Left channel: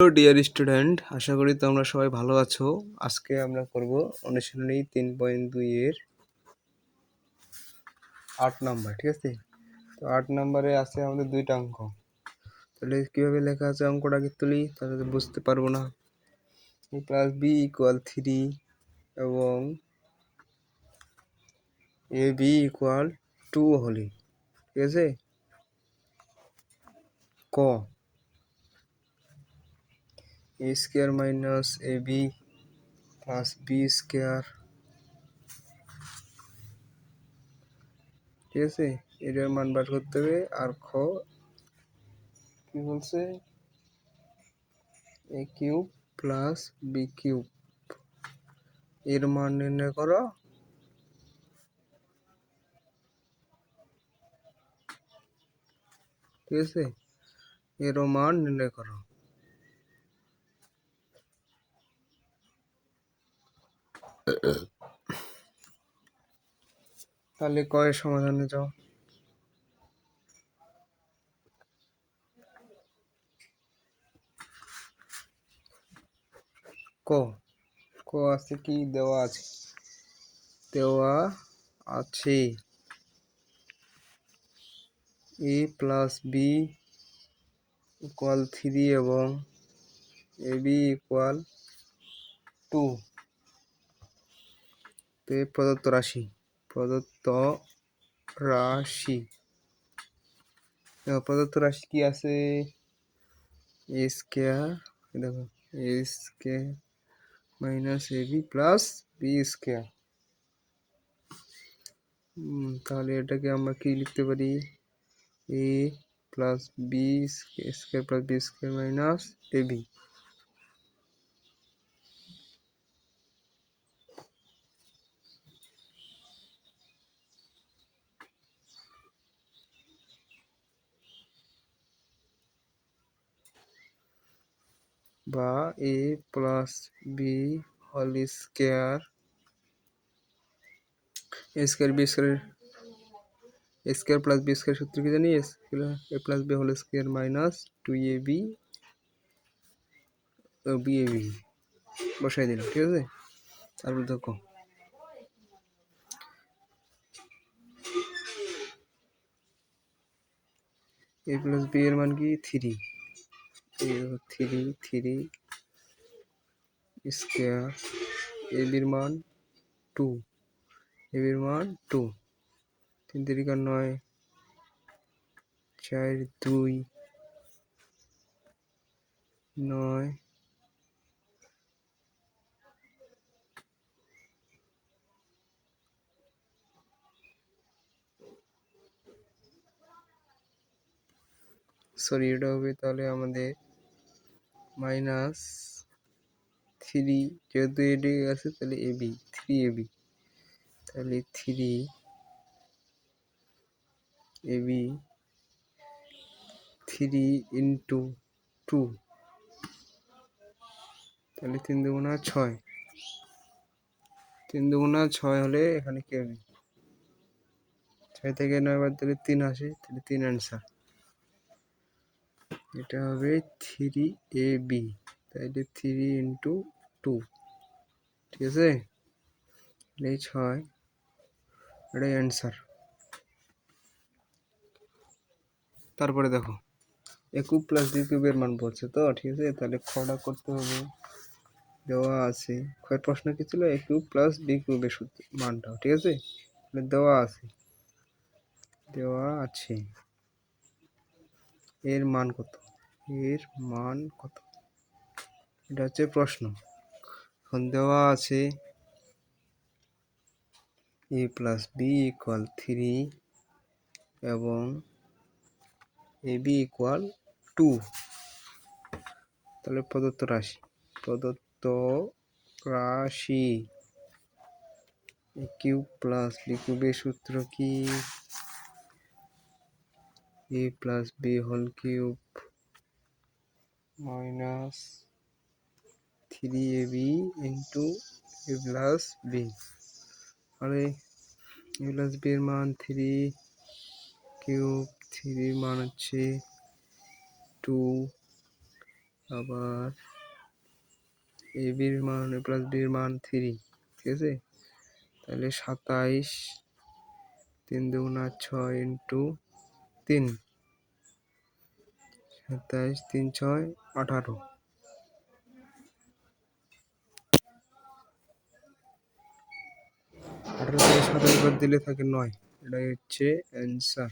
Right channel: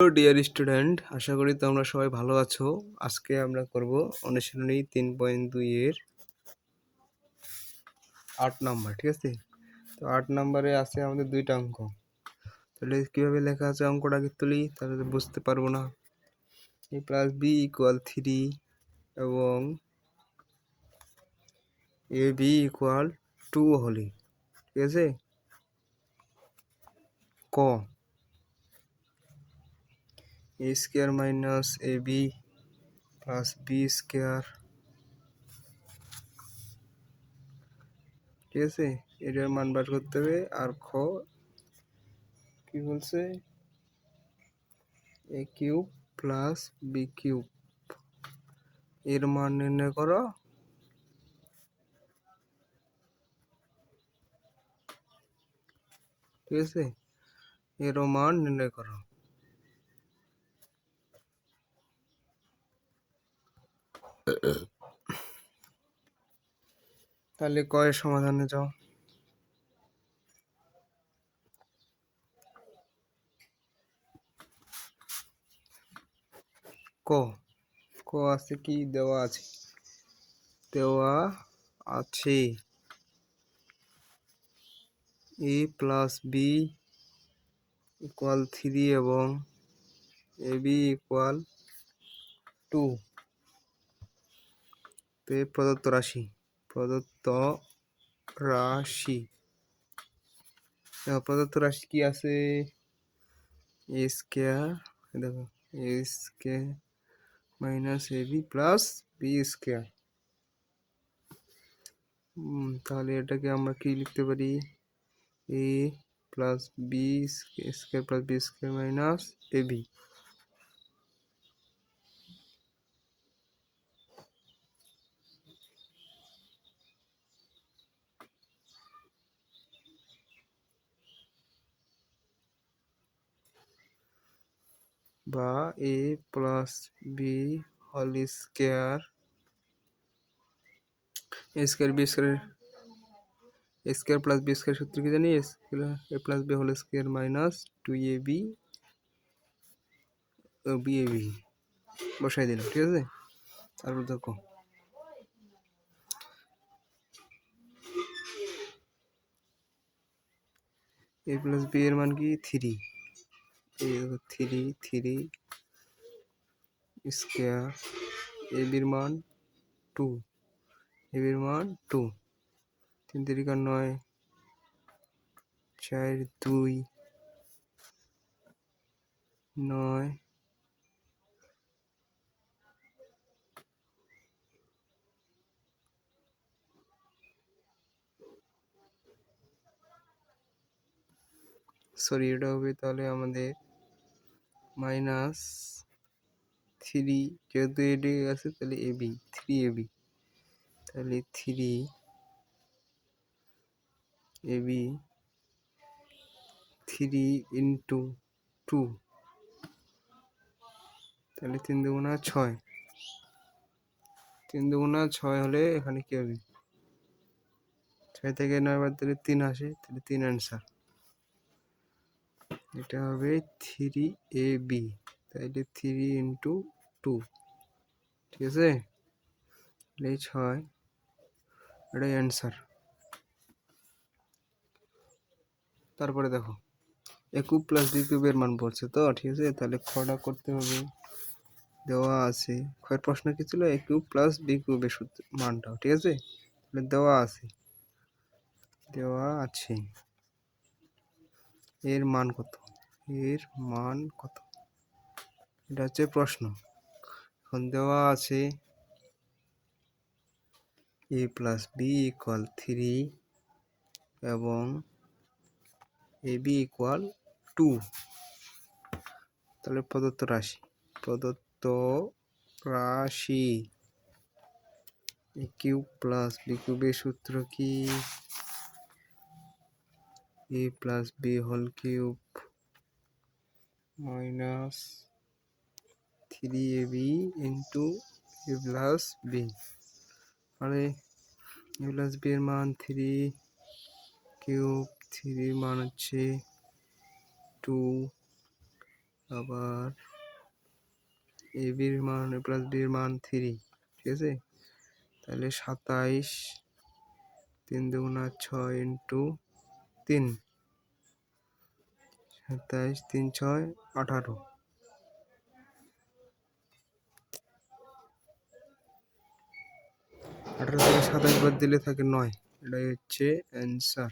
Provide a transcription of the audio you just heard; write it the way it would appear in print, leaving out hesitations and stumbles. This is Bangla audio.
হ্যালো ডিয়ার স্টুডেন্ট, আশা করি তোমরা সবাই ভালো আছো। আজকে আমরা করব অনুশীলনী 3.2 এর 8 নাম্বার, ঠিক আছে? তো 8 নাম্বারে আছে আমাদের দুইটা অঙ্ক। তাহলে কিভাবে লেখা আছে অঙ্কটা আগে তুলি, তাহলে তো বুঝতে পারবো না। a প্লাস বি ইকুয়াল 3 এবং এ বি ইকুয়াল 2 হলে, ঠিক আছে? ক এ square minus A B plus B square, ঠিক আছে? এটার মান বার করতে হবে। আর খ কি বলছে, এ কিউব প্লাস বি কিউব এর মান নির্ণয় করো। ঠিক আছে, এরও মান নির্ণয় করো। তাহলে কয়ের সমাধানে যাও। ক ক আছে কি দেওয়া আছে? দেওয়া আছে এ প্লাস বি ইকুয়াল 3 এবং এ বি ইকুয়াল 2 তে প্রদত্ত রাশি কি আছে? এ স্কোয়ার, দেখো, A square minus A B plus B square. তাহলে এটাকে আমরা কি লিখতে পারি? A plus B square plus B square minus A B. বা A plus B whole square square B square plus B square সূত্র কি জানি? A plus B whole square minus 2ab B A B বসাই দিলাম, ঠিক আছে? তারপর দেখো এ প্লাস বি এর মান কি? 3। 3 স্কোয়ার, এ বির মান 2, এ বির মান 2, 3 3 9, 4 2 9, সরি এটা হবে তাহলে আমাদের মাইনাস 3, যেহেতু এডি আছে তাহলে এবি 3ab, তাহলে 3ab 3 ইন্টু 2, তাহলে 3 দুগুণা 6, 3 দুগুণা 6 হলে এখানে কি হবে? 6 থেকে 9 বাদ দিলে 3 আসে, তাহলে 3 অ্যান্সার। এটা হবে 3ab, তাহলে 3 ইন্টু 2, ঠিক আছে? তাহলে 6, এটাই অ্যান্সার। তারপরে দেখো এ কিউব প্লাস বি কিউবের মান পড়ছে তো, ঠিক আছে? তাহলে খটা করতে হবে। দেওয়া আছে, খয়ের প্রশ্ন কি ছিল? এ কিউব প্লাস বি কিউবের মানটা, ঠিক আছে? তাহলে দেওয়া আছে এর মান কত? এটা হচ্ছে প্রশ্ন। এখন দেওয়া আছে এ প্লাস বি ইকুয়াল 3 এবং এ বি ইকুয়াল 2। তাহলে প্রদত্ত রাশি এ কিউব প্লাস বি কিউবের সূত্র কি? A plus B whole cube minus 3ab into A plus B. তাহলে এ প্লাস বি এর মান 3 কিউব, 3 মান হচ্ছে 2, আবার এ বির মান প্লাস বির মান 3, ঠিক আছে? তাহলে 27, 3 দুগুণা 6 ইন্টু 3, 27, 3 6 18, 18 থেকে 27 বাদ দিলে থাকে 9, এটাই হচ্ছে অ্যান্সার।